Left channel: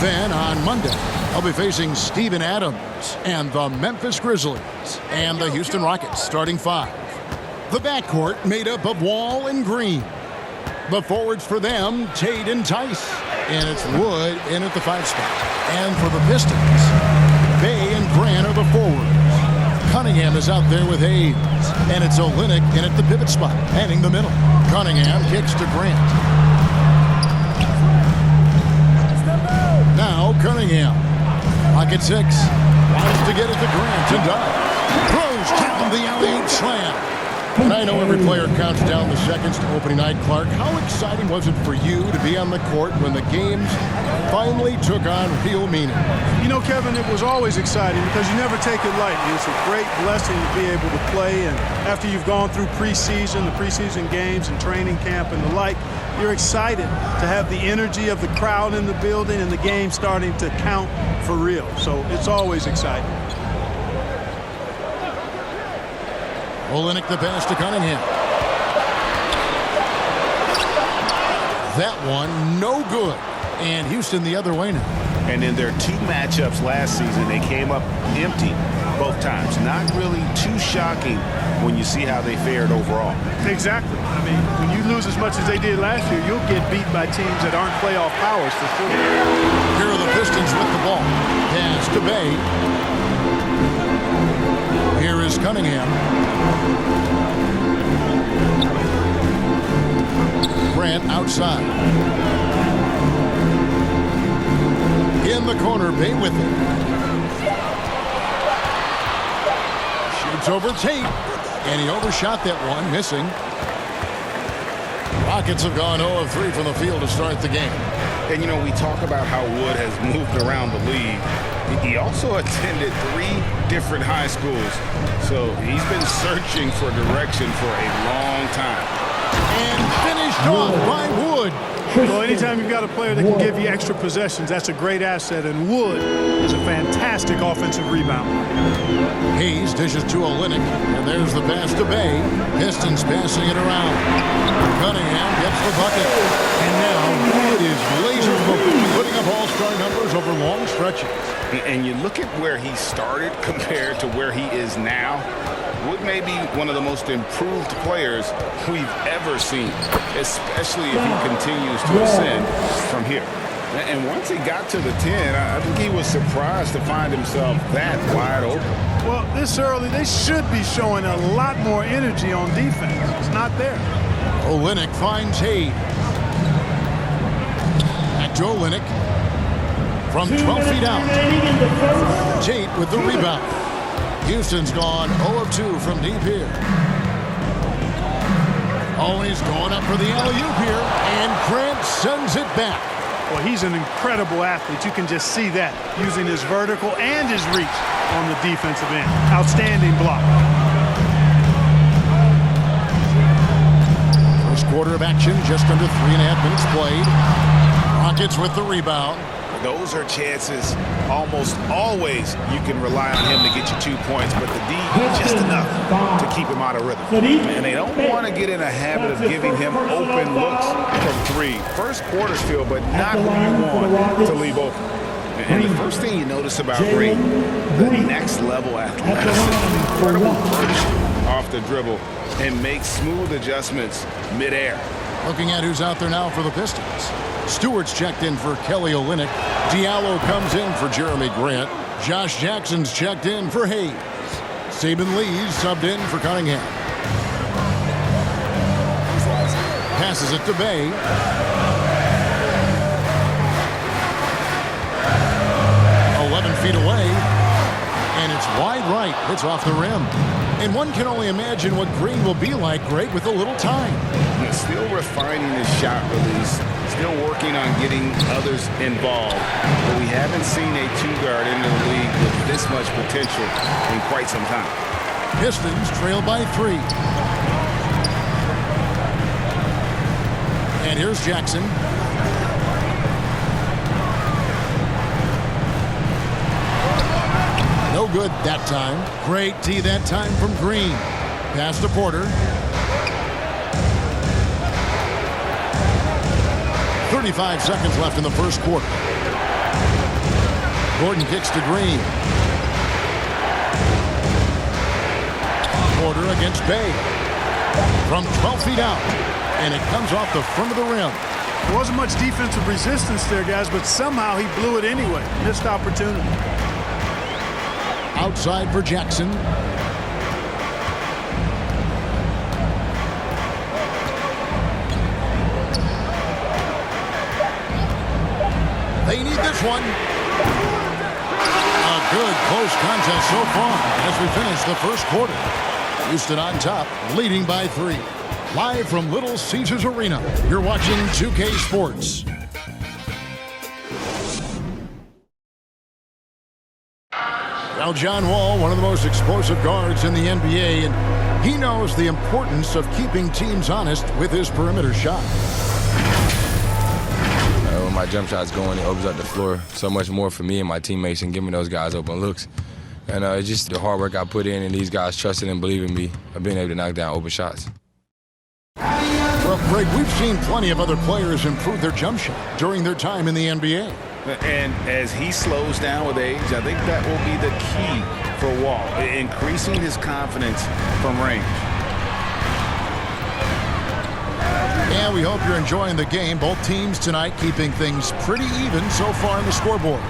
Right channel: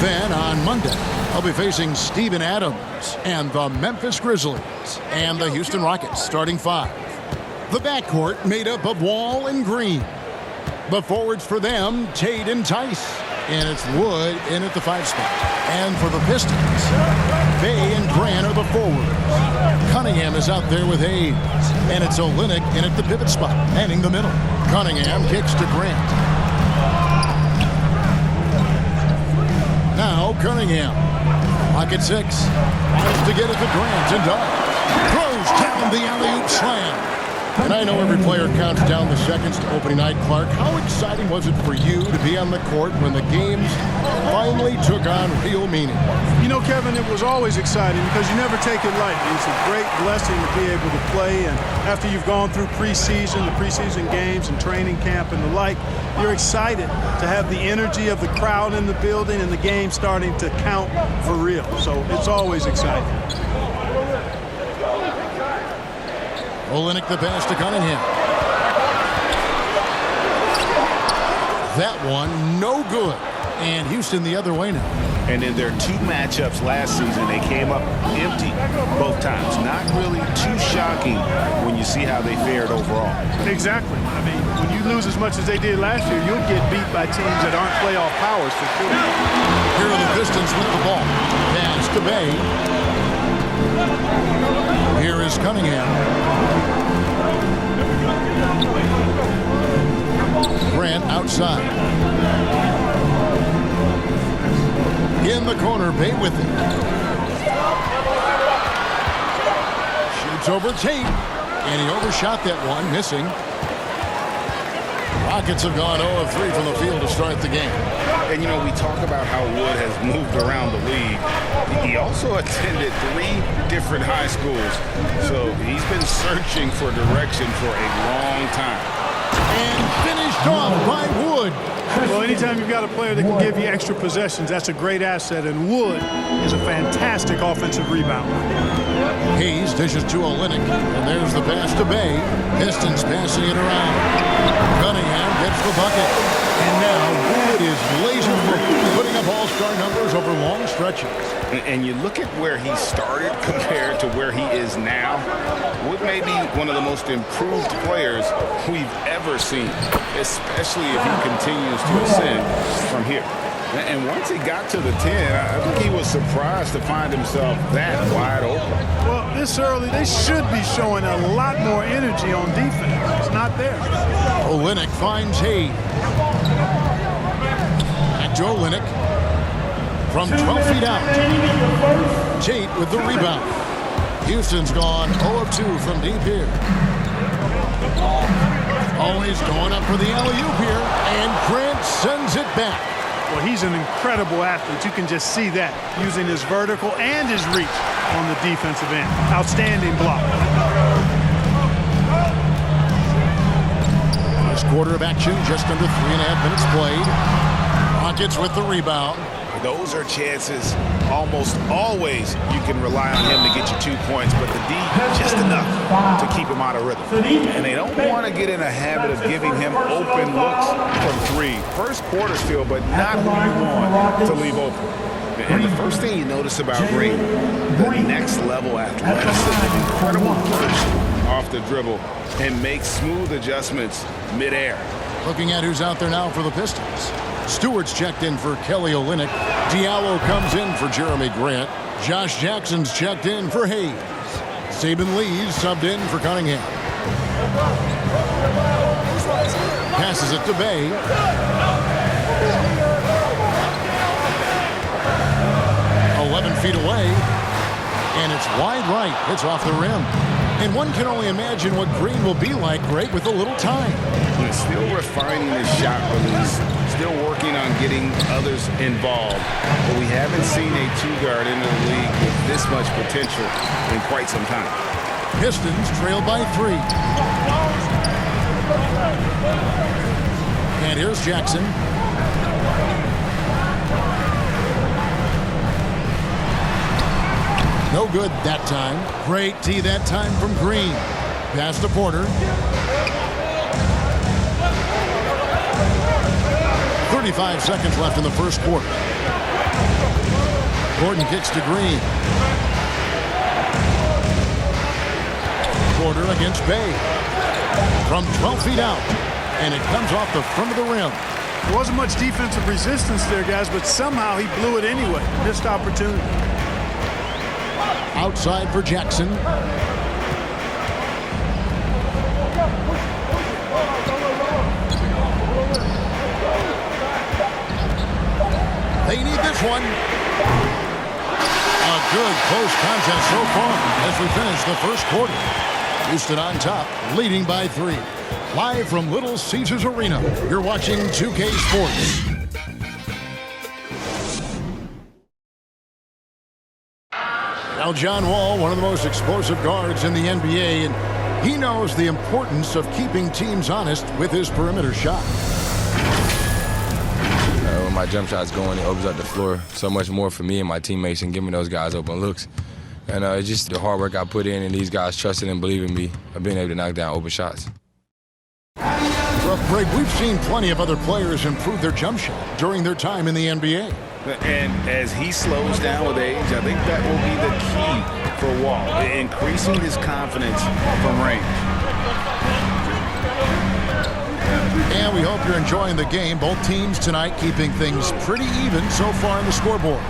Then on Monday, they'll be facing Steven Adams and the Memphis Grizzlies and the Houston Rockets starting 5. The backcourt made up of Wall and Green. The forwards for them, Tate and Tice. And it's Wood in at the 5 spot. And for the Pistons, Bay and Grant are the forwards. Cunningham is out there with Hayes. And it's Olynyk in at the pivot spot, manning the middle. Cunningham kicks to Grant. Now Cunningham. Clock at 6. Tries to get it to Grant and does. Throws down the alley-oop slam. And I know every player counts down the seconds to opening night. Clark, how exciting was it for you to be on the court when the games finally took on real meaning? You know, Kevin, it was always exciting because you never take it lightly. It's a great blessing to be able to play, and after you've gone through preseason, the preseason games and training camp and the like, you're excited to have the energy of the crowd in the building and the game starting to count for real. So it's always exciting. Olynyk the pass to Cunningham. That one no good. And Houston the other way now. And in their 2 matchups last season, they came up empty both times. Not really too shocking when you see how they fared overall. Exactly. I mean, when you lose as much as they did last year, you'll get beat by teams that aren't playoff powers for sure. Here are the Pistons with the ball. Pass to Bay. Here is Cunningham. Grant outside. In the corner, Bay with it. Shoots over Tate. And he overshot that one, missing. Rockets have gone 0 of 3 from the field to start the game. And, you know, we talk about how Wood has moved around the league. He also attended 3 different high schools. So he's been searching for direction for a long time. And finished off by Wood. Well, anytime you've got a player that can give you extra possessions, that's a great asset. And Wood is a fantastic offensive rebounder. Hayes dishes to Olynyk, and there's the pass to Bay. Pistons passing it around. Cunningham gets the bucket. And now Wood is laser-focused, putting up all-star numbers over long stretches. And you look at where he started compared to where he is now. Wood may be one of the most improved players we've ever seen, especially if he continues to ascend from here. And once he got to the 10, I think he was surprised to find himself that wide open. Well, this early, they should be showing a lot more energy on defense. It's not there. Olynyk finds Hayes. Back to Olynyk. From 12 feet out. Tate with the rebound. Houston's gone 0 of 2 from deep here. Always going up for the alley-oop here. And Grant sends it back. Well, he's an incredible athlete. You can just see that, using his vertical and his reach on the defensive end. Outstanding block. First quarter of action, just under 3.5 minutes played. Rockets with the rebound. Those are chances almost always you can rely on him to get you 2 points, but the D just enough to keep him out of rhythm. And they don't want to get in a habit of giving him open looks from 3. First quarters feel, but not who you want to leave open. And the first thing you notice about Green, the next level athleticism, incredible burst off the dribble, and makes smooth adjustments midair. Looking at who's out there now for the Pistons. Stewart's checked in for Kelly Olynyk. Diallo comes in for Jeremy Grant. Josh Jackson's checked in for Hayes. Saban Lee's subbed in for Cunningham. Passes it to Bay. Feet away, and it's wide right. It's off the rim. And one can only imagine what Green will be like, Greg, with a little time. He's still refining his shot release, still working on getting others involved. But we haven't seen a 2-guard into the league with this much potential in quite some time. Pistons trail by 3. And here's Jackson. No good that time. Great D that time from Green. Pass to Porter. 35 seconds left in the first quarter. Gordon kicks to Green. Porter against Bay. From 12 feet out. And it comes off the front of the rim. There wasn't much defensive resistance there, guys, but somehow he blew it anyway. Missed opportunity. Outside for Jackson. They need this one. A good close contest so far as we finish the first quarter. Houston on top, leading by 3. Live from Little Caesars Arena, you're watching 2K Sports. Now, John Wall, one of the most explosive guards in the NBA, and he knows the importance of keeping teams honest with his perimeter shot. When my jump shot's going, it opens up the floor so much more for me and my teammates and giving those guys open looks. And it's just the hard work I put in and these guys trusting and believing me of being able to knock down open shots. Well, Greg, we've seen plenty of other players improve their jump shot during their time in the NBA. And as he slows down with age, I think that will be the key for Wall, increasing his confidence from range. And we hope you're enjoying the game. Both teams tonight keeping things pretty even so far on the scoreboard.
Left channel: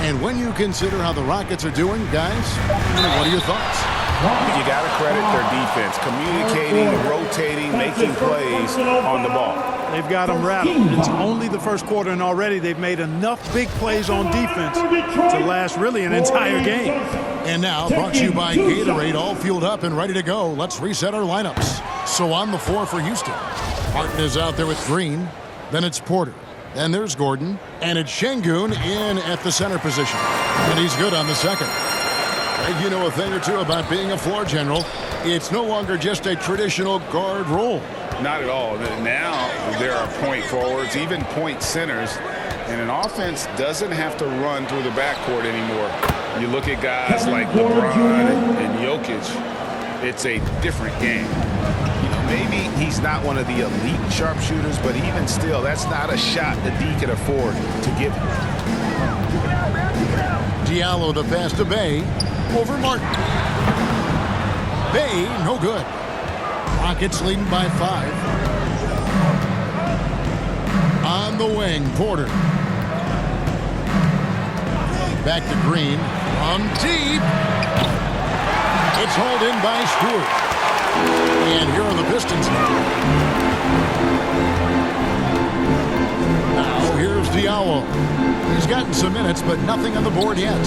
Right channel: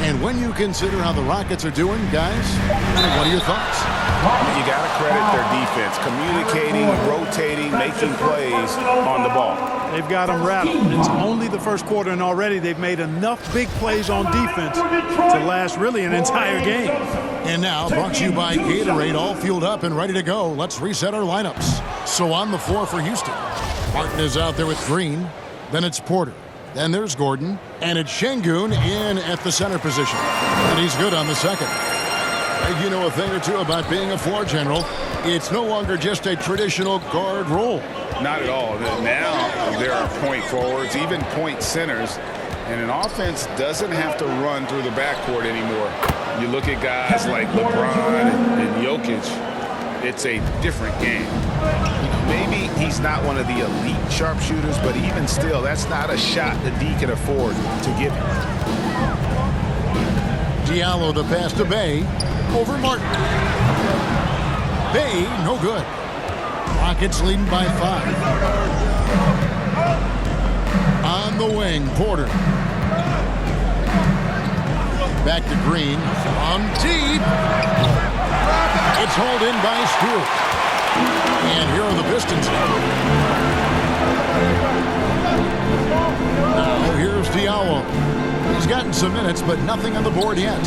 And when you consider how the Rockets are doing, guys, what are your thoughts? You got to credit their defense, communicating, rotating, making plays on the ball. They've got them rattled. It's only the first quarter, and already they've made enough big plays on defense to last really an entire game. And now, brought to you by Gatorade, all fueled up and ready to go. Let's reset our lineups. So on the floor for Houston, Martin is out there with Green. Then it's Porter. Then there's Gordon. And it's Şengün in at the center position. And he's good on the second. Greg, you know a thing or two about being a floor general. It's no longer just a traditional guard role. Not at all. Now there are point forwards, even point centers, and an offense doesn't have to run through the backcourt anymore. You look at guys like LeBron and Jokic, it's a different game. You know, maybe he's not one of the elite sharpshooters, but even still, that's not a shot that D can afford to give him. Diallo the pass to Bay. Over Martin. Bay, no good. Rockets leading by 5. On the wing, Porter. Back to Green. From deep. It's hauled in by Stewart. And here are the Pistons now. Here's Diallo. He's gotten some minutes, but nothing on the board yet.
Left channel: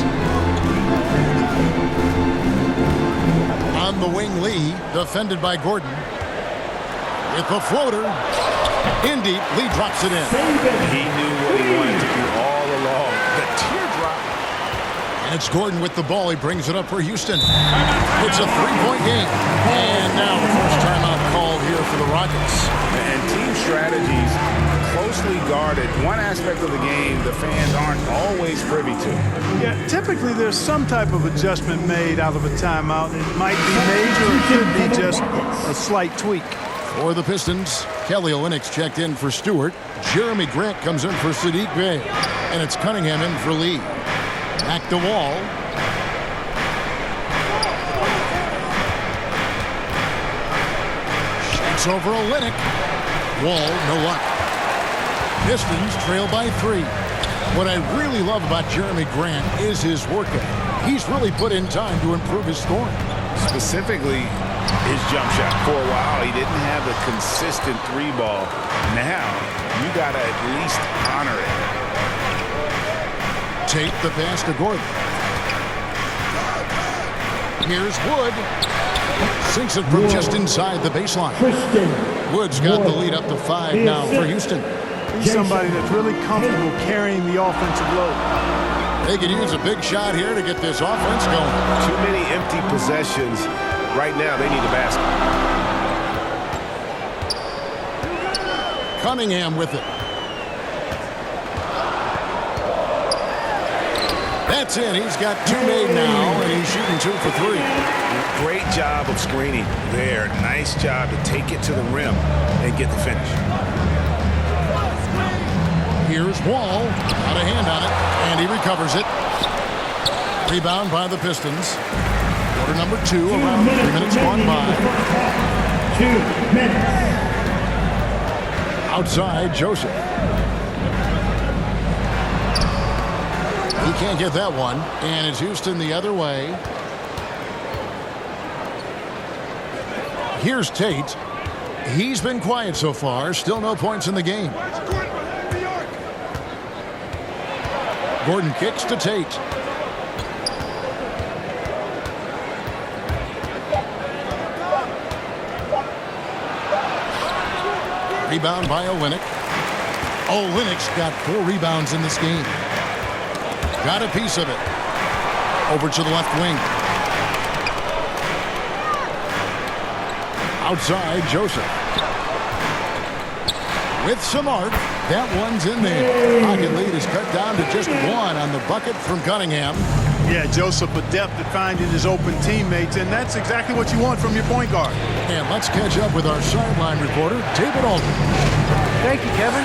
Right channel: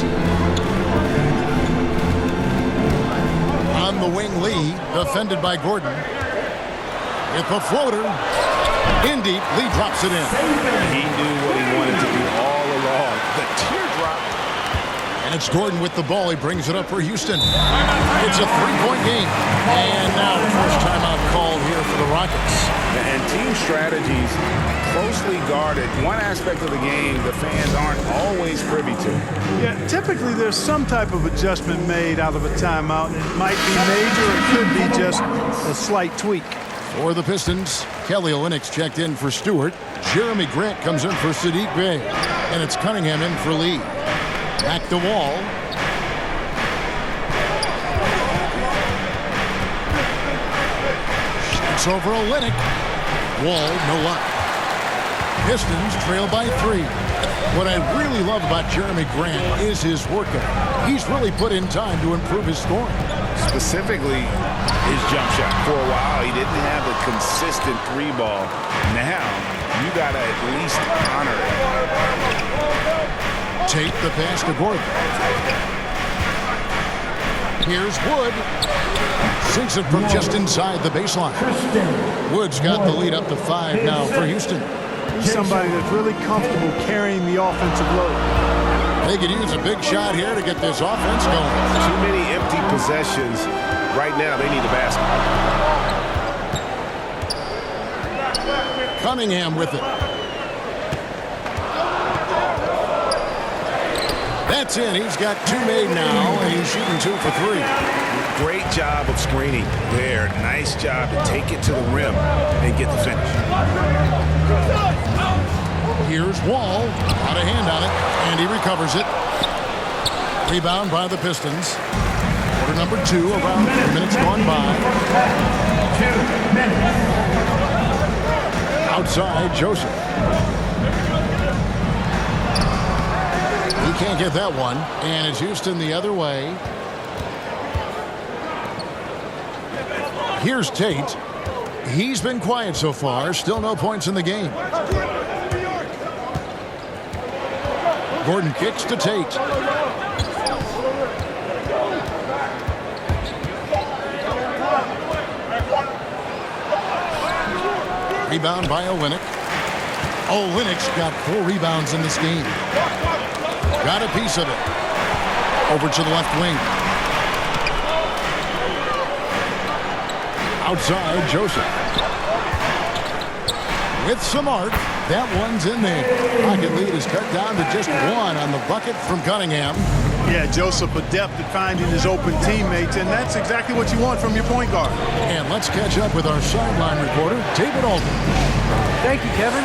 On the wing, Lee, defended by Gordon. With the floater. In deep, Lee drops it in. He knew what he wanted to do all along. The teardrop. And it's Gordon with the ball. He brings it up for Houston. It's a 3-point game. And now the first timeout called here for the Rockets. And team strategies closely guarded. One aspect of the game the fans aren't always privy to. Yeah, typically there's some type of adjustment made out of a timeout. It might be major or it could be just a slight tweak. For the Pistons, Kelly Olynyk's checked in for Stewart. Jeremy Grant comes in for Saddiq Bey. And it's Cunningham in for Lee. Back to Wall. Shoots over Olynyk. Wall, no luck. Pistons trail by 3. What I really love about Jeremy Grant is his work ethic. He's really put in time to improve his scoring. Specifically, his jump shot. For a while, he didn't have the consistent 3-ball. Now, you got to at least honor it. Tate the pass to Gordon. Here's Wood. Sinks it from just inside the baseline. Wood's got the lead up to 5 now for Houston. He's somebody that's really comfortable carrying the offensive load. They could use a big shot here to get this offense going. Too many empty possessions. Right now, they need a basket. Cunningham with it. That's in. He's got 2 made now, and he's shooting 2 for 3. Great job of screening there. Nice job to take it to the rim and get the finish. Here's Wall. Out of hand on it, and he recovers it. Rebound by the Pistons. Quarter number 2, around 3 minutes gone by. 2 minutes. Outside, Joseph. He can't get that one, and it's Houston the other way. Here's Tate. He's been quiet so far. Still no points in the game. Gordon kicks to Tate. Rebound by Olynyk. Olynyk's got 4 rebounds in this game. Got a piece of it. Over to the left wing. Outside, Joseph. With some arc, that one's in there. Pocket lead is cut down to just 1 on the bucket from Cunningham. Yeah, Joseph adept at finding his open teammates, and that's exactly what you want from your point guard. And let's catch up with our sideline reporter, David Aldridge. Thank you, Kevin.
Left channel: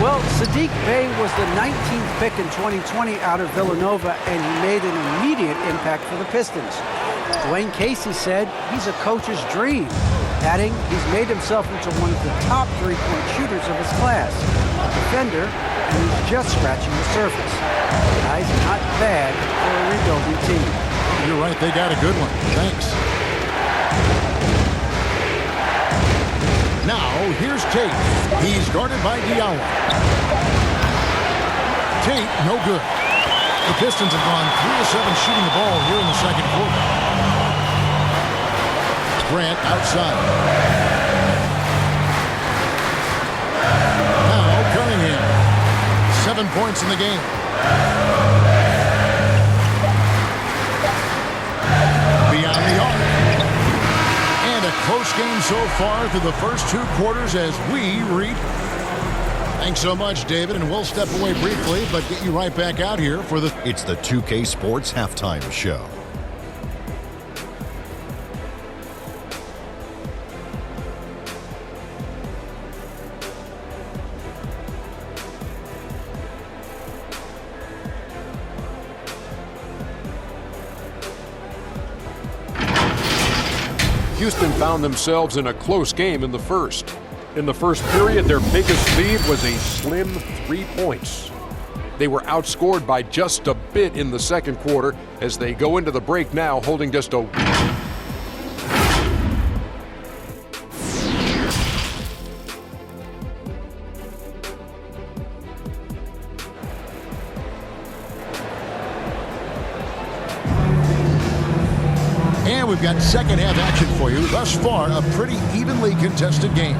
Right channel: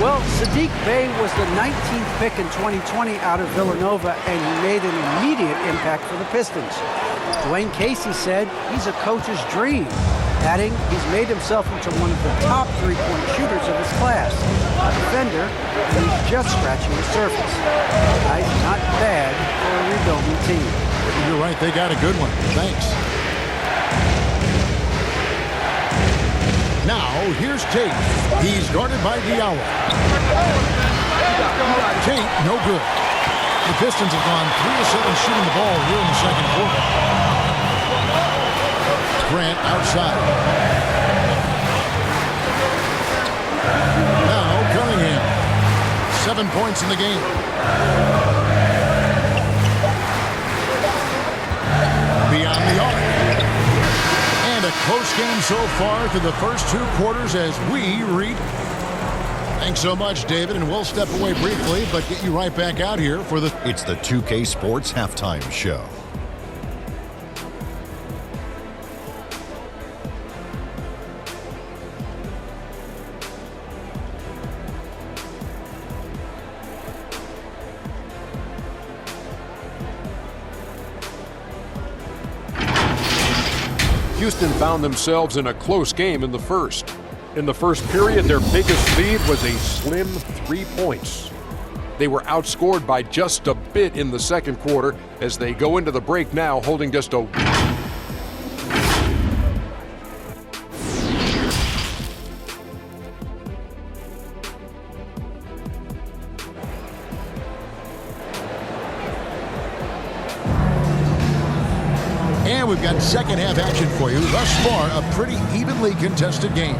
Well, Sadiq Bey was the 19th pick in 2020 out of Villanova, and he made an immediate impact for the Pistons. Dwayne Casey said he's a coach's dream, adding he's made himself into one of the top 3-point shooters of his class, a defender, and he's just scratching the surface. Guy's not bad for a rebuilding team. You're right, they got a good one. Thanks. Now, here's Tate. He's guarded by Diallo. Tate, no good. The Pistons have gone 3 of 7 shooting the ball here in the second quarter. Grant outside. Now, Cunningham. 7 points in the game. Beyond the arc. And a close game so far through the first 2 quarters as we read. Thanks so much, David, and we'll step away briefly, but get you right back out here for the... It's the 2K Sports Halftime Show. Houston found themselves in a close game in the first. In the first period, their biggest lead was a slim 3 points. They were outscored by just a bit in the second quarter as they go into the break now holding just a... And we've got second half action for you. Thus far, a pretty evenly contested game.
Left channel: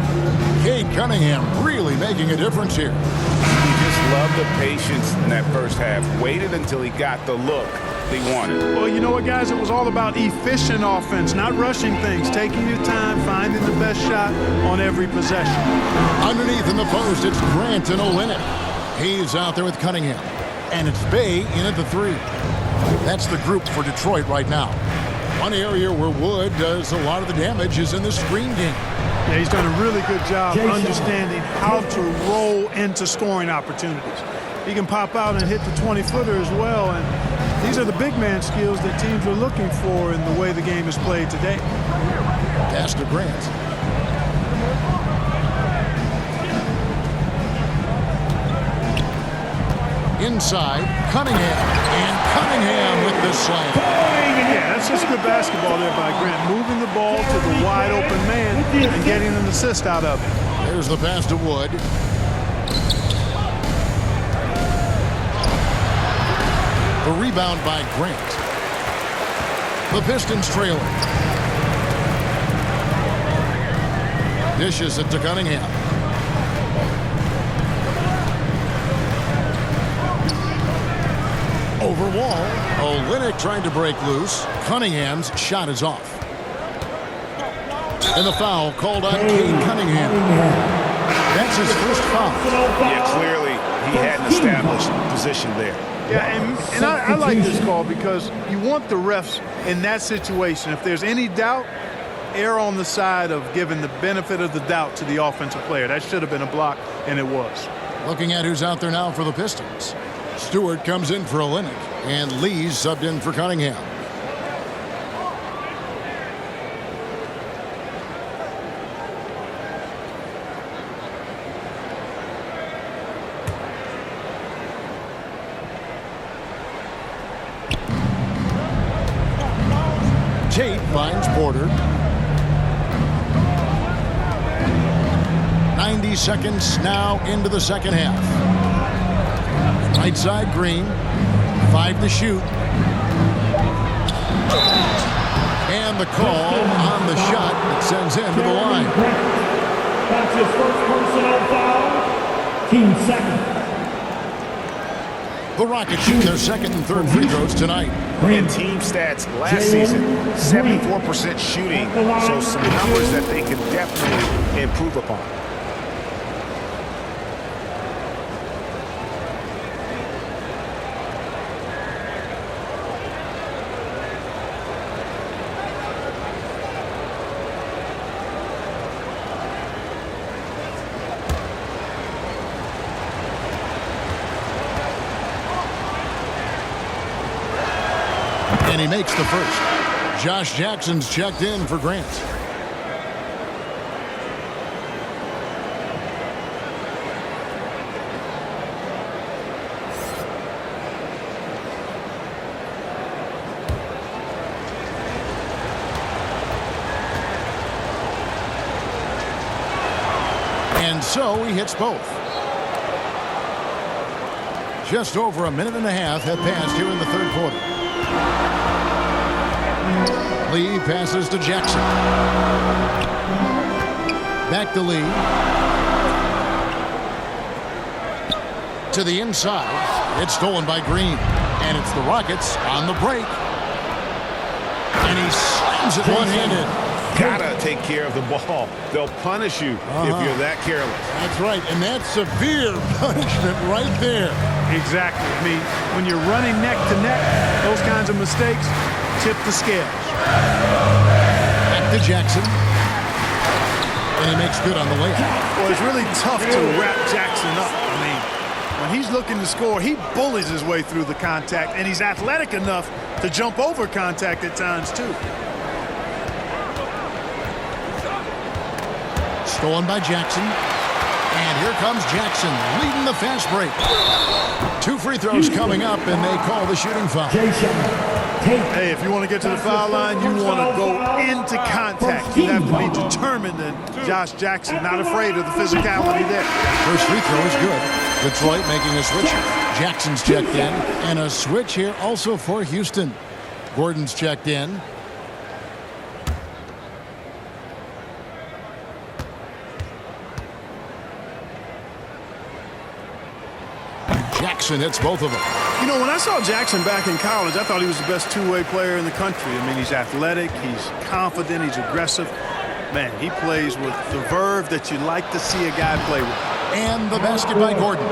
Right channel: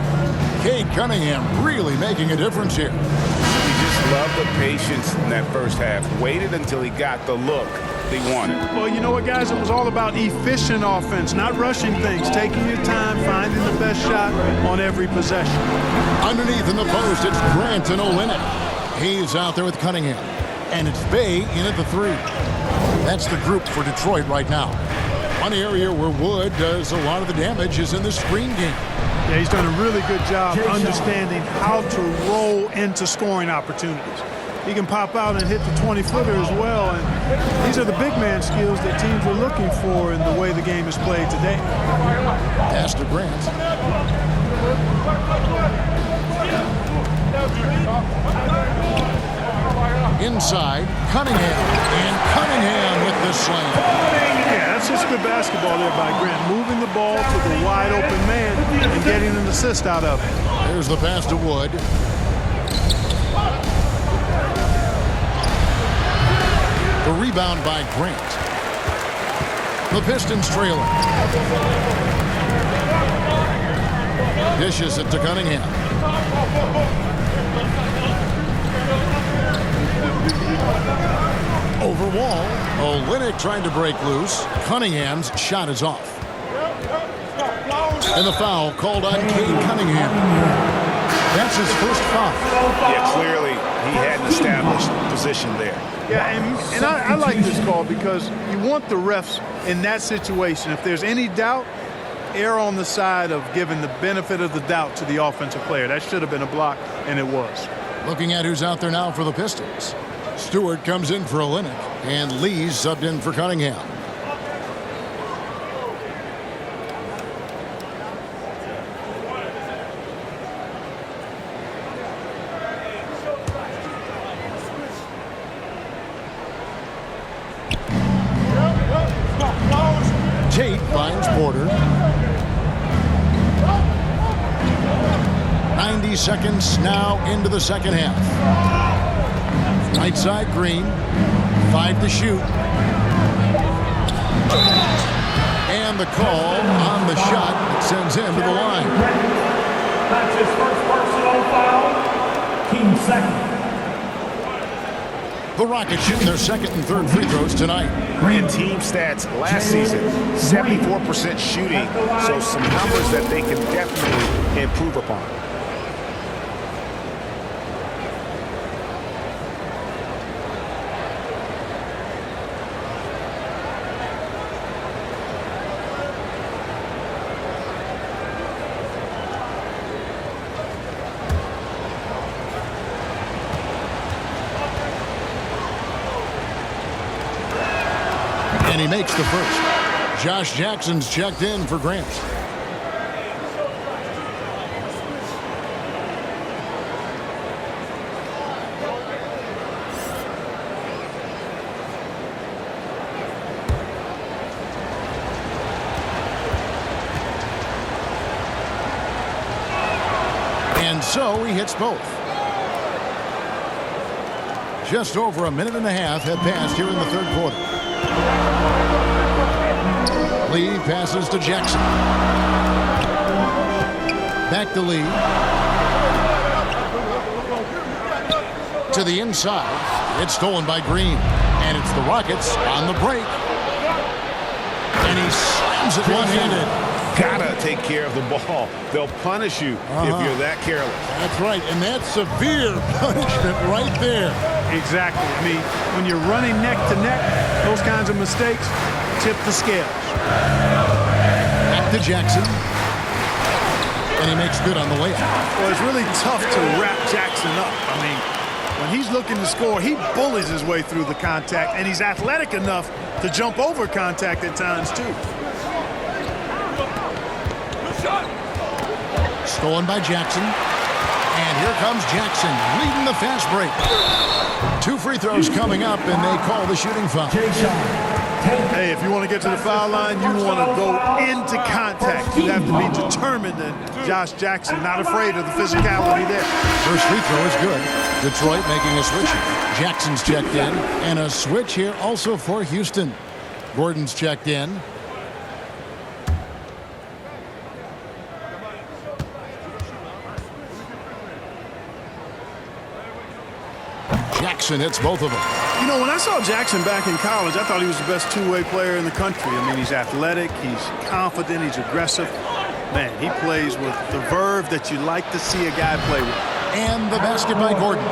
Cade Cunningham really making a difference here. He just loved the patience in that first half. Waited until he got the look he wanted. Well, you know what, guys? It was all about efficient offense, not rushing things, taking your time, finding the best shot on every possession. Underneath in the post, it's Grant and Olynyk. He's out there with Cunningham. And it's Bey in at the 3. That's the group for Detroit right now. One area where Wood does a lot of the damage is in the screen game. Yeah, he's done a really good job understanding how to roll into scoring opportunities. He can pop out and hit the 20-footer as well, and these are the big man skills that teams are looking for in the way the game is played today. Pass to Grant. Inside, Cunningham, and Cunningham with the slam. Yeah, that's just good basketball there by Grant, moving the ball to the wide open man and getting an assist out of it. There's the pass to Wood. The rebound by Grant. The Pistons trailing. Dishes it to Cunningham. Over wall. Olynyk trying to break loose. Cunningham's shot is off. And the foul called on Cade Cunningham. That's his first foul. Yeah, clearly he hadn't established position there. Yeah, and I like this call because you want the refs in that situation. If there's any doubt, err on the side of giving the benefit of the doubt to the offensive player. That should have been a block, and it was. Looking at who's out there now for the Pistons. Stewart comes in for Olynyk, and Lee's subbed in for Cunningham. Tate finds Porter. 90 seconds now into the second half. Right side, Green. 5 to shoot. And the call on the shot that sends him to the line. That's his first personal foul. Team second. The Rockets shooting their second and third free throws tonight. And team stats last season, 74% shooting, so some numbers that they can definitely improve upon. And he makes the first. Josh Jackson's checked in for Grant. And so he hits both. Just over a minute and a half have passed here in the third quarter. Lee passes to Jackson. Back to Lee. To the inside. It's stolen by Green. And it's the Rockets on the break. And he slams it one-handed. Gotta take care of the ball. They'll punish you if you're that careless. That's right. And that's severe punishment right there. Exactly. I mean, when you're running neck to neck, those kinds of mistakes tip the scales. Back to Jackson. And he makes good on the layup. Well, it's really tough to wrap Jackson up. I mean, when he's looking to score, he bullies his way through the contact, and he's athletic enough to jump over contact at times, too. Stolen by Jackson. And here comes Jackson leading the fast break. 2 free throws coming up, and they call the shooting foul. Hey, if you want to get to the foul line, you want to go into contact. You have to be determined, and Josh Jackson not afraid of the physicality there. First free throw is good. Detroit making a switch here. Jackson's checked in, and a switch here also for Houston. Gordon's checked in. Jackson hits both of them. You know, when I saw Jackson back in college, I thought he was the best two-way player in the country. I mean, he's athletic, he's confident, he's aggressive. Man, he plays with the verve that you like to see a guy play with. And the basket by Gordon.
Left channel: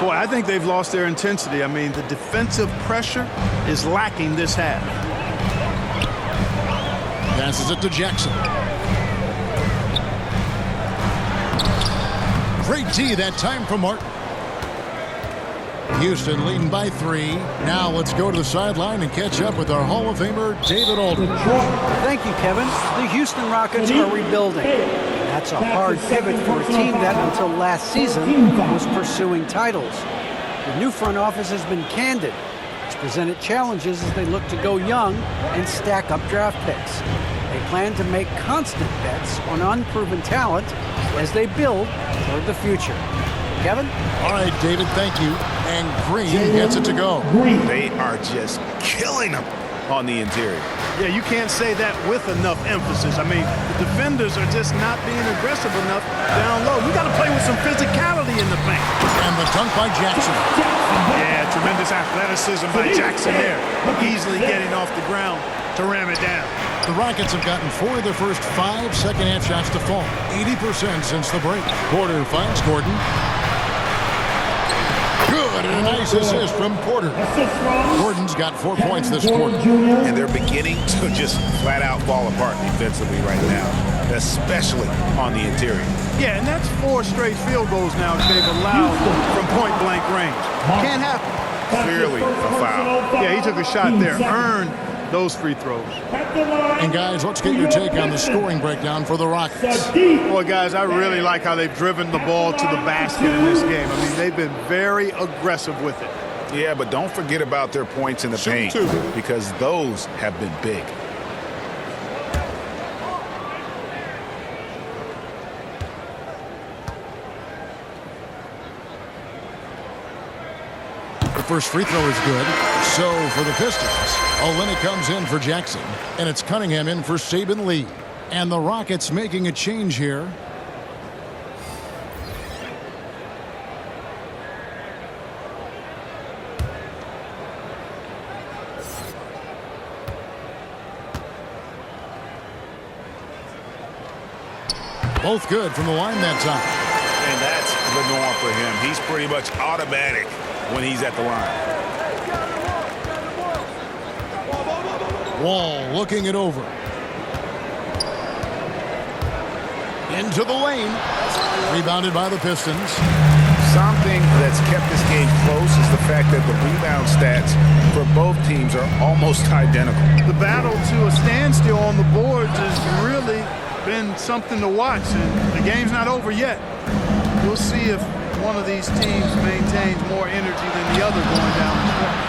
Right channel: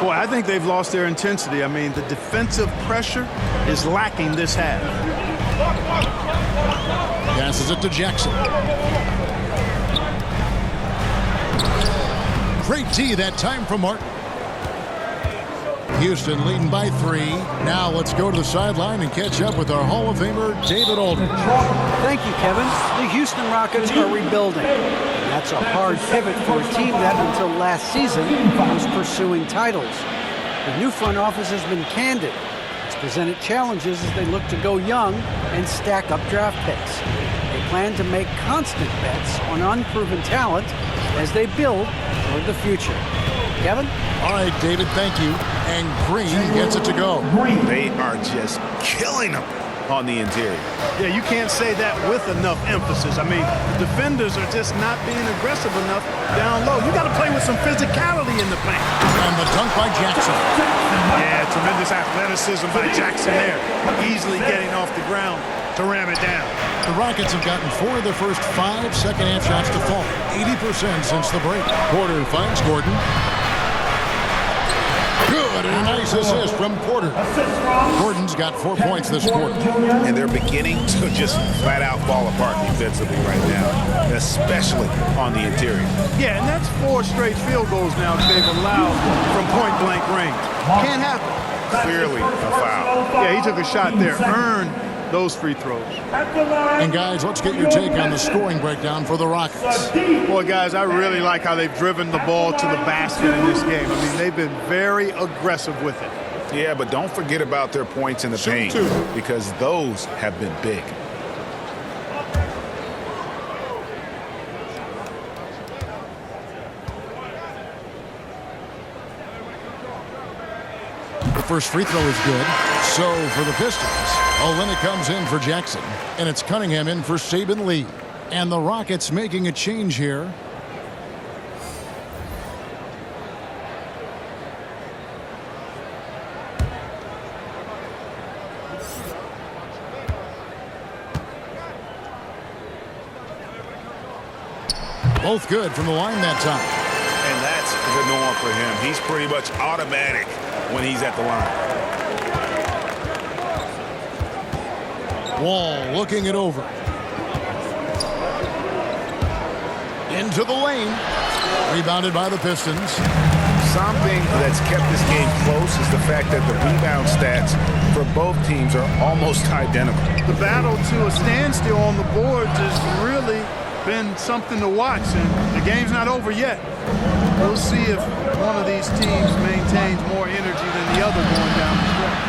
Boy, I think they've lost their intensity. I mean, the defensive pressure is lacking this half. Passes it to Jackson. Great D that time from Martin. Houston leading by 3. Now let's go to the sideline and catch up with our Hall of Famer, David Aldridge. Thank you, Kevin. The Houston Rockets are rebuilding. And that's a hard pivot for a team that, until last season, was pursuing titles. The new front office has been candid. It's presented challenges as they look to go young and stack up draft picks. They plan to make constant bets on unproven talent as they build toward the future. Kevin? All right, David, thank you. And Green gets it to go. They are just killing them on the interior. Yeah, you can't say that with enough emphasis. I mean, the defenders are just not being aggressive enough down low. You got to play with some physicality in the paint. And the dunk by Jackson. Yeah, tremendous athleticism by Jackson there. Easily getting off the ground to ram it down. The Rockets have gotten 4 of their first 5 second-half shots to fall. 80% since the break. Porter finds Gordon. Good, and a nice assist from Porter. Gordon's got 4 points this quarter. And they're beginning to just flat out fall apart defensively right now, especially on the interior. Yeah, and that's 4 straight field goals now that they've allowed from point-blank range. Can't happen. clearly a foul. Yeah, he took a shot there, earned those free throws. And guys, let's get your take on the scoring breakdown for the Rockets. Boy, guys, I really like how they've driven the ball to the basket in this game. I mean, they've been very aggressive with it. Yeah, but don't forget about their points in the paint, because those have been big. The first free throw is good. So for the Pistons, Olynyk comes in for Jackson, and it's Cunningham in for Saben Lee. And the Rockets making a change here. Both good from the line that time. And that's the norm for him. He's pretty much automatic when he's at the line. Wall looking it over. Into the lane. Rebounded by the Pistons. Something that's kept this game close is the fact that the rebound stats for both teams are almost identical. The battle to a standstill on the boards has really been something to watch, and the game's not over yet. We'll see if one of these teams maintains more energy than the other going down the stretch.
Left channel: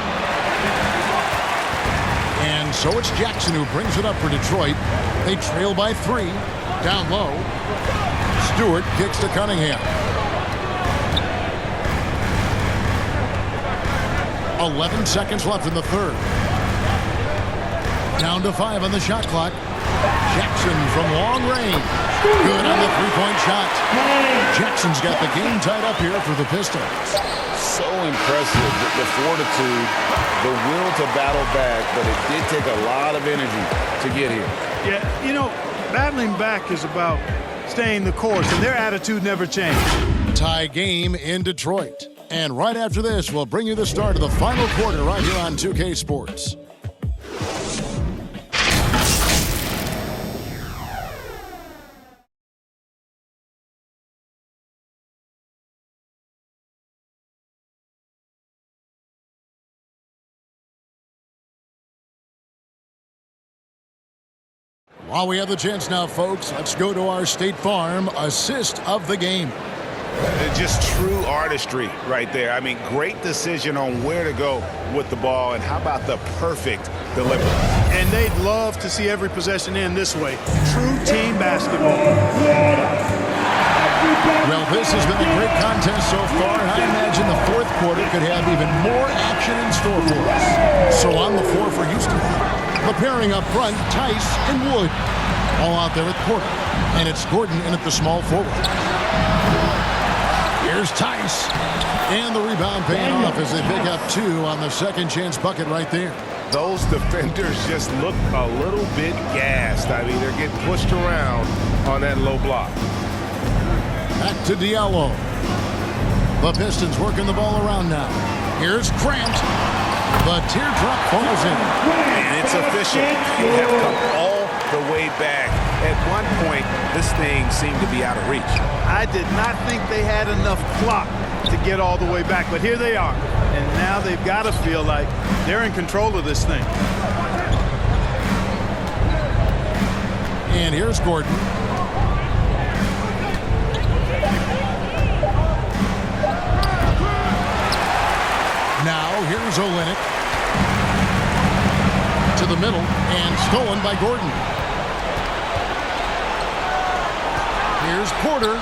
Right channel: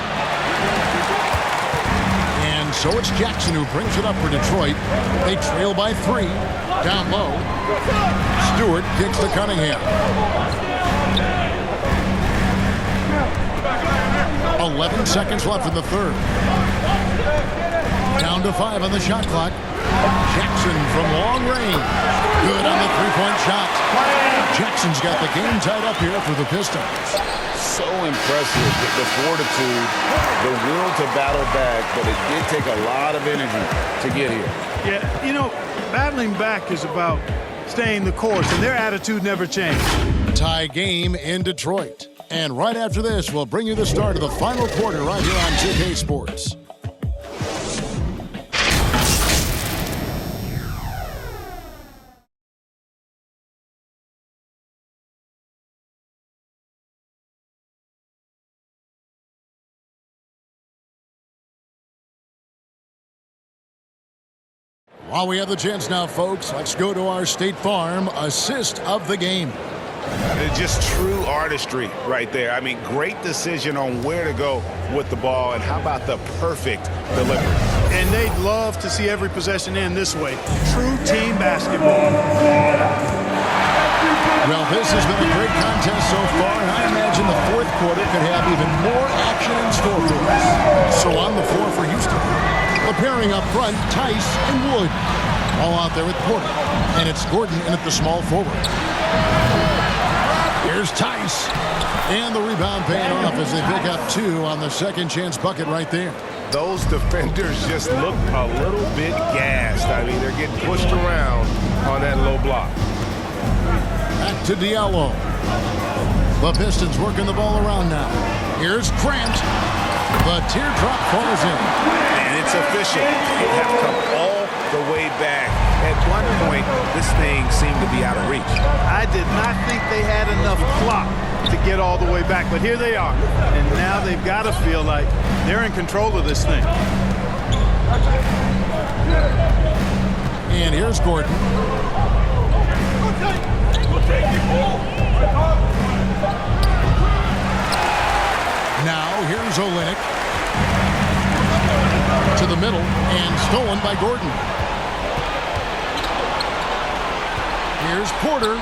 And so it's Jackson who brings it up for Detroit. They trail by 3. Down low. Stewart kicks to Cunningham. 11 seconds left in the third. Down to 5 on the shot clock. Jackson from long range. Good on the three-point shot. Jackson's got the game tied up here for the Pistons. So impressive, the fortitude, the will to battle back, but it did take a lot of energy to get here. Yeah, you know, battling back is about staying the course, and their attitude never changed. Tie game in Detroit. And right after this, we'll bring you the start of the final quarter right here on 2K Sports. While we have the chance now, folks, let's go to our State Farm assist of the game. Just true artistry right there. I mean, great decision on where to go with the ball, and how about the perfect delivery? And they'd love to see every possession end this way. True team basketball. Well, this has been a great contest so far, and I imagine the fourth quarter could have even more action in store for us. So on the floor for Houston, the pairing up front, Tice and Wood. All out there with Porter. And it's Gordon in at the small forward. Here's Tice. And the rebound paying off as they pick up 2 on the second chance bucket right there. Those defenders just look a little bit gassed. I mean, they're getting pushed around on that low block. Back to Diallo. The Pistons working the ball around now. Here's Grant. The teardrop falls in. And it's official. They have come all the way back. At one point, this thing seemed to be out of reach. I did not think they had enough clock to get all the way back, but here they are. And now they've got to feel like they're in control of this thing. And here's Gordon. Now here's Olynyk. To the middle and stolen by Gordon. Here's Porter.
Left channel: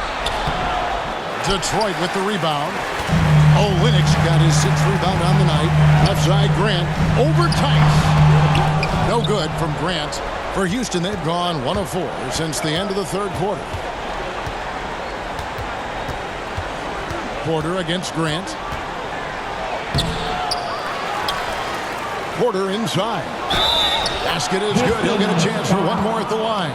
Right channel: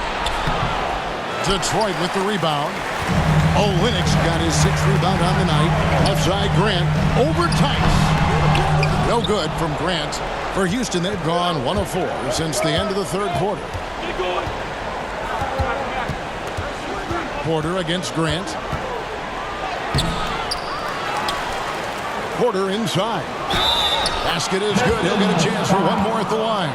Detroit with the rebound. Olynyk's got his 6th rebound on the night. Left side, Grant over Tice. No good from Grant. For Houston, they've gone 1 of 4 since the end of the third quarter. Porter against Grant. Porter inside. Basket is good. He'll get a chance for one more at the line.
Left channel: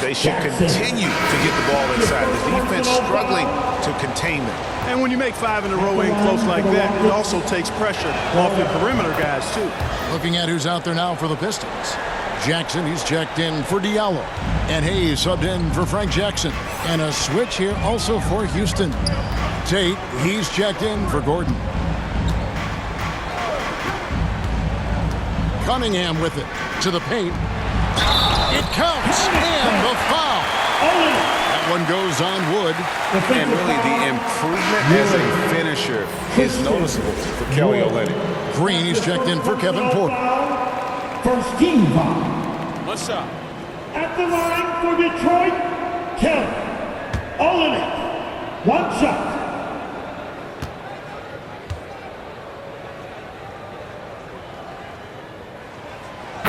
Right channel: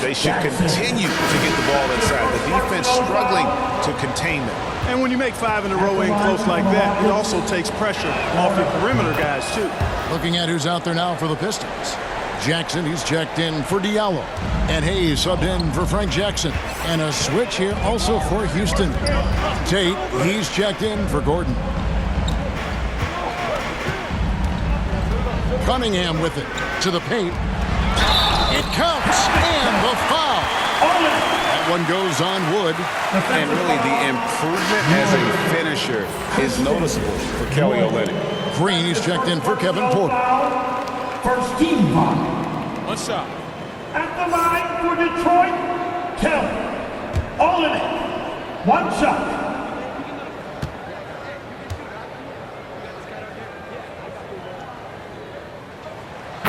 They should continue to get the ball inside. The defense struggling to contain them. And when you make 5 in a row in close like that, it also takes pressure off your perimeter guys, too. Looking at who's out there now for the Pistons. Jackson, he's checked in for Diallo. And Hayes subbed in for Frank Jackson. And a switch here also for Houston. Tate, he's checked in for Gordon. Cunningham with it to the paint. It counts, and the foul. That one goes on Wood. And really, the improvement as a finisher is noticeable for Kelly Olynyk. Green is checked in for Kevin Porter. First team foul. One shot. At the line for Detroit, Kelly Olynyk. One shot.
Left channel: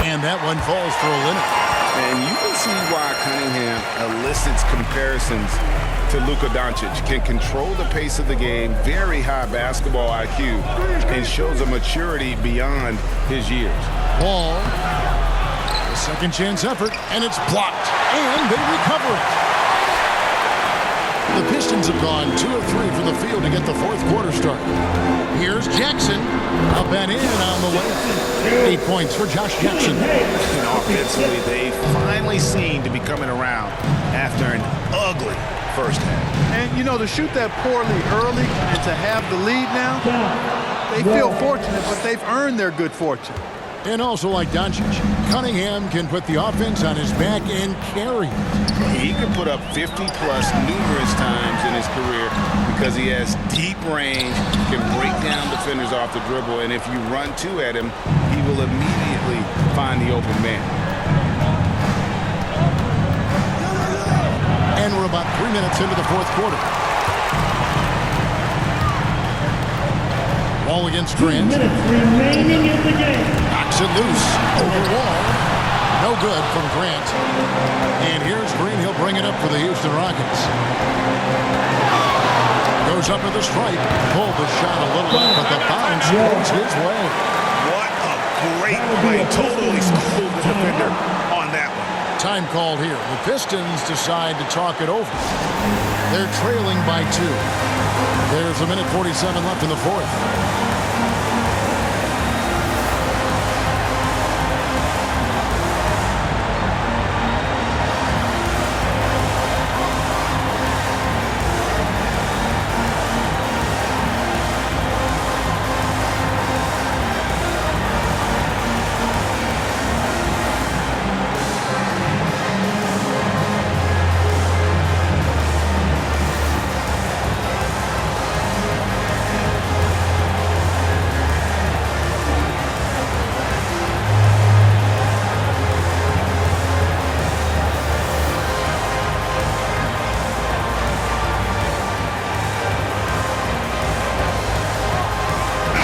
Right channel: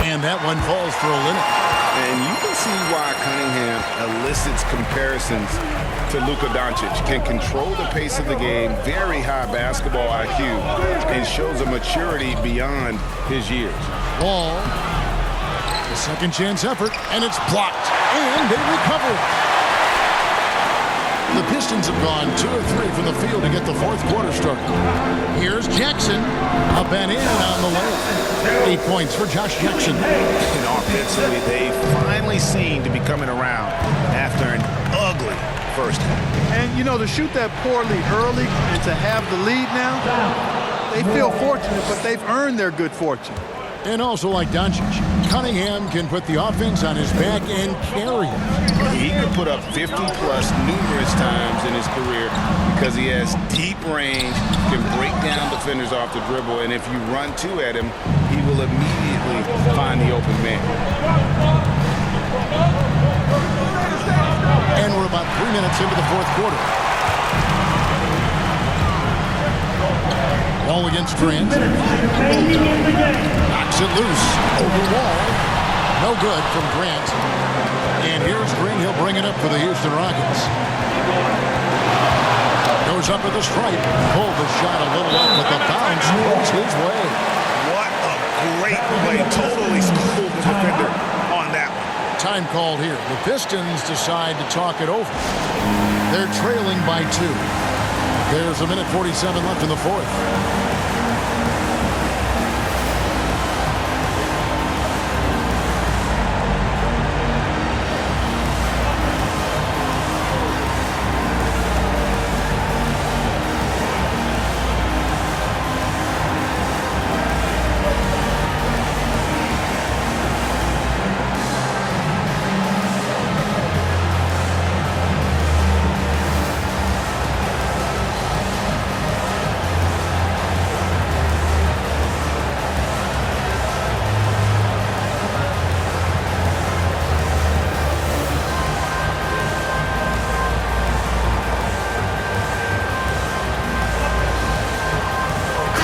And that one falls for Olynyk. And you can see why Cunningham elicits comparisons to Luka Doncic. Can control the pace of the game, very high basketball IQ, and shows a maturity beyond his years. Wall, the second chance effort, and it's blocked, and they recover it. The Pistons have gone 2 of 3 from the field to get the fourth quarter started. Here's Jackson, up and in on the layup. 8 points for Josh Jackson. And offensively, they finally seem to be coming around after an ugly first half. And, you know, to shoot that poorly early and to have the lead now, they feel fortunate, but they've earned their good fortune. And also like Doncic, Cunningham can put the offense on his back and carry it. He can put up 50-plus numerous times in his career because he has deep range, can break down defenders off the dribble, and if you run two at him, he will immediately find the open man. And we're about 3 minutes into the fourth quarter. Wall against Grant. 2 minutes remaining in the game. Knocks it loose over Wall. No good from Grant. And here's Green. He'll bring it up for the Houston Rockets. Goes up at the stripe. Pulled the shot a little up, but the bounce goes his way. What a great play. Totally schooled the defender on that one. Time called here. The Pistons decide to talk it over. They're trailing by 2. There's a minute 47 left in the fourth.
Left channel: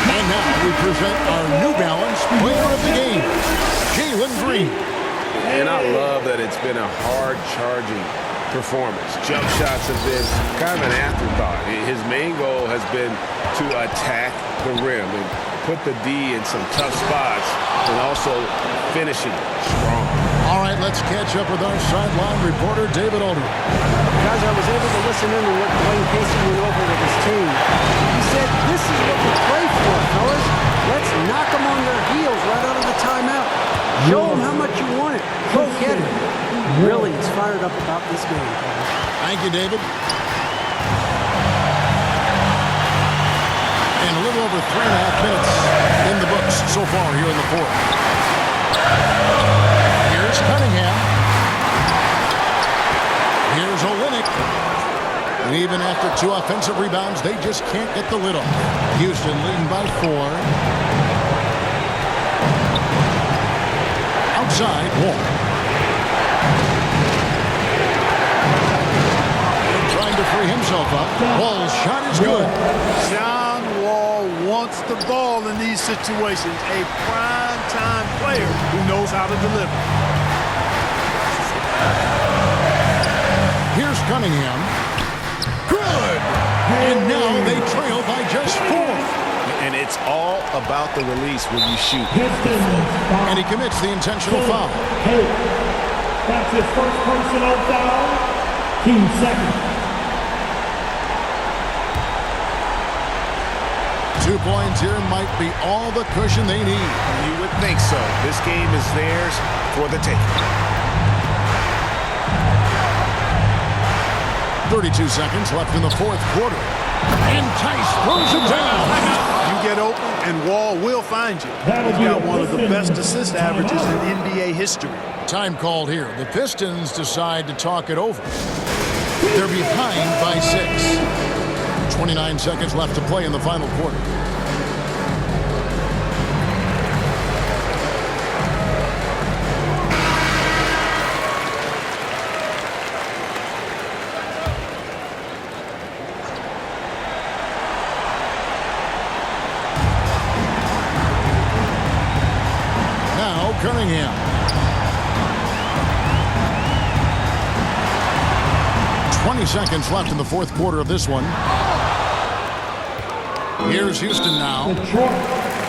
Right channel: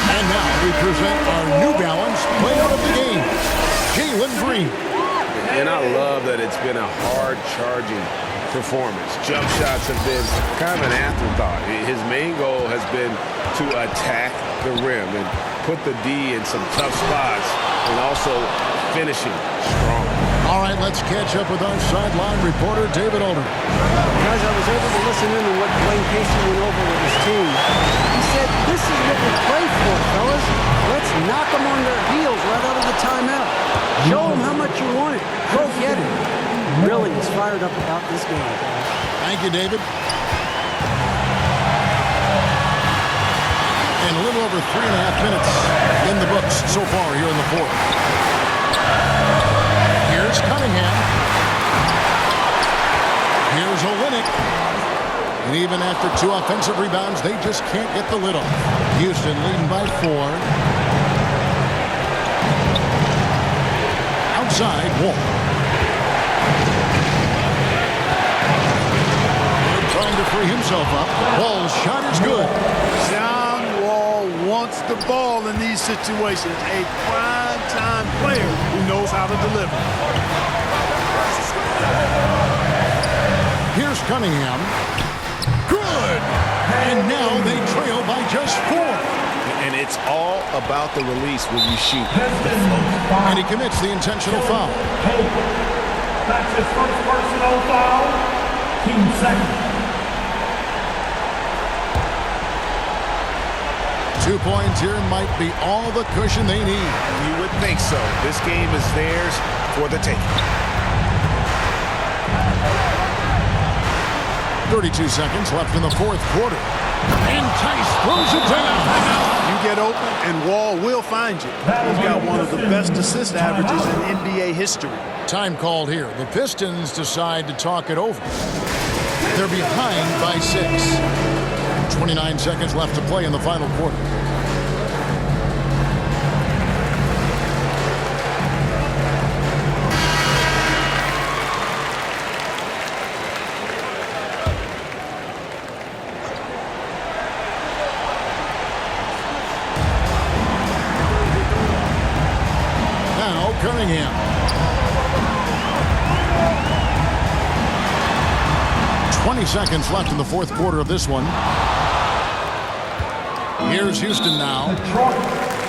And now we present our New Balance Player of the Game, Jalen Green. And I love that it's been a hard-charging performance. Jump shots have been kind of an afterthought. His main goal has been to attack the rim and put the D in some tough spots and also finishing strong. All right, let's catch up with our sideline reporter, David Aldridge. Guys, I was able to listen in on what Dwayne Casey went over with his team. He said, this is what we play for, fellas. Let's knock them on their heels right out of the timeout. Show them how much you want it. Go get it. Really is fired up about this game, Kevin. Thank you, David. And a little over 3.5 minutes in the books so far here in the fourth. Here's Cunningham. Here's Olynyk. And even after 2 offensive rebounds, they just can't get the lid off. Houston leading by 4. Outside, Wall. Wood trying to free himself up. Wall's shot is good. John Wall wants the ball in these situations. A prime-time player who knows how to deliver. Here's Cunningham. Good! And now they trail by just 4. And it's all about the release when you shoot the Pistons float. foul. And he commits the intentional foul. Hey, that's his first personal foul. Team second. 2 points here might be all the cushion they need. You would think so. This game is theirs for the taking. 32 seconds left in the fourth quarter. And Tice throws it down. You get open, and Wall will find you. He's got one of the best assist averages in NBA history. Time called here. The Pistons decide to talk it over. They're behind by 6. 29 seconds left to play in the final quarter. Now Cunningham. 20 seconds left in the fourth quarter of this one. Here's Houston now.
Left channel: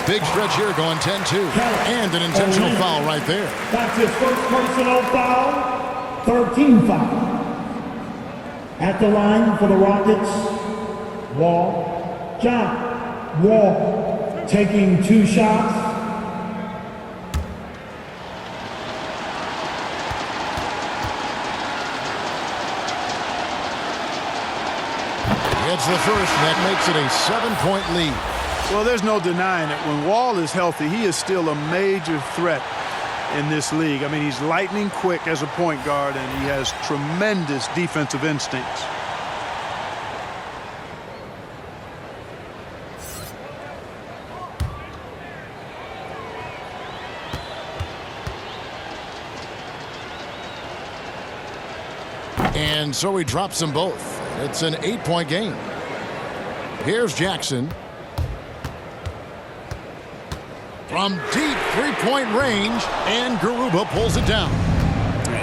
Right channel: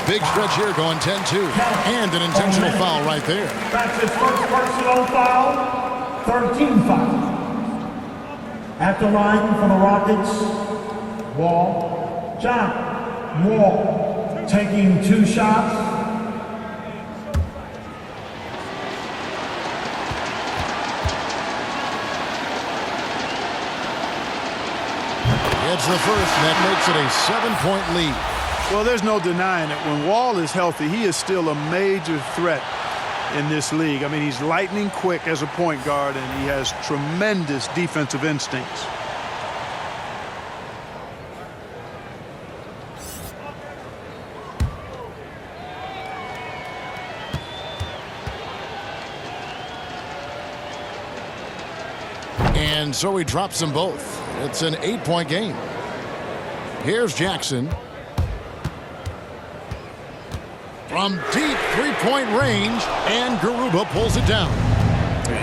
Big stretch here going 10-2. And an intentional foul right there. That's his first personal foul. 13 foul. At the line for the Rockets, Wall. John Wall taking 2 shots. It's the first, and that makes it a 7-point lead. Well, there's no denying it. When Wall is healthy, he is still a major threat in this league. I mean, he's lightning quick as a point guard, and he has tremendous defensive instincts. And so he drops them both. It's an 8-point game. Here's Jackson. From deep three-point range, and Garuba pulls it down.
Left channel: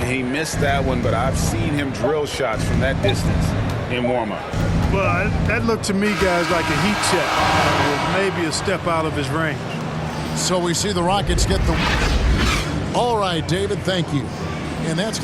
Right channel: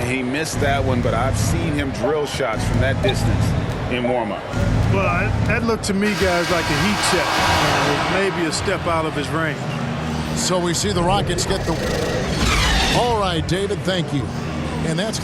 He missed that one, but I've seen him drill shots from that distance in warm-up. Well, that looked to me, guys, like a heat check. With maybe a step out of his range. So we see the Rockets get the... All right, David, thank you. And that's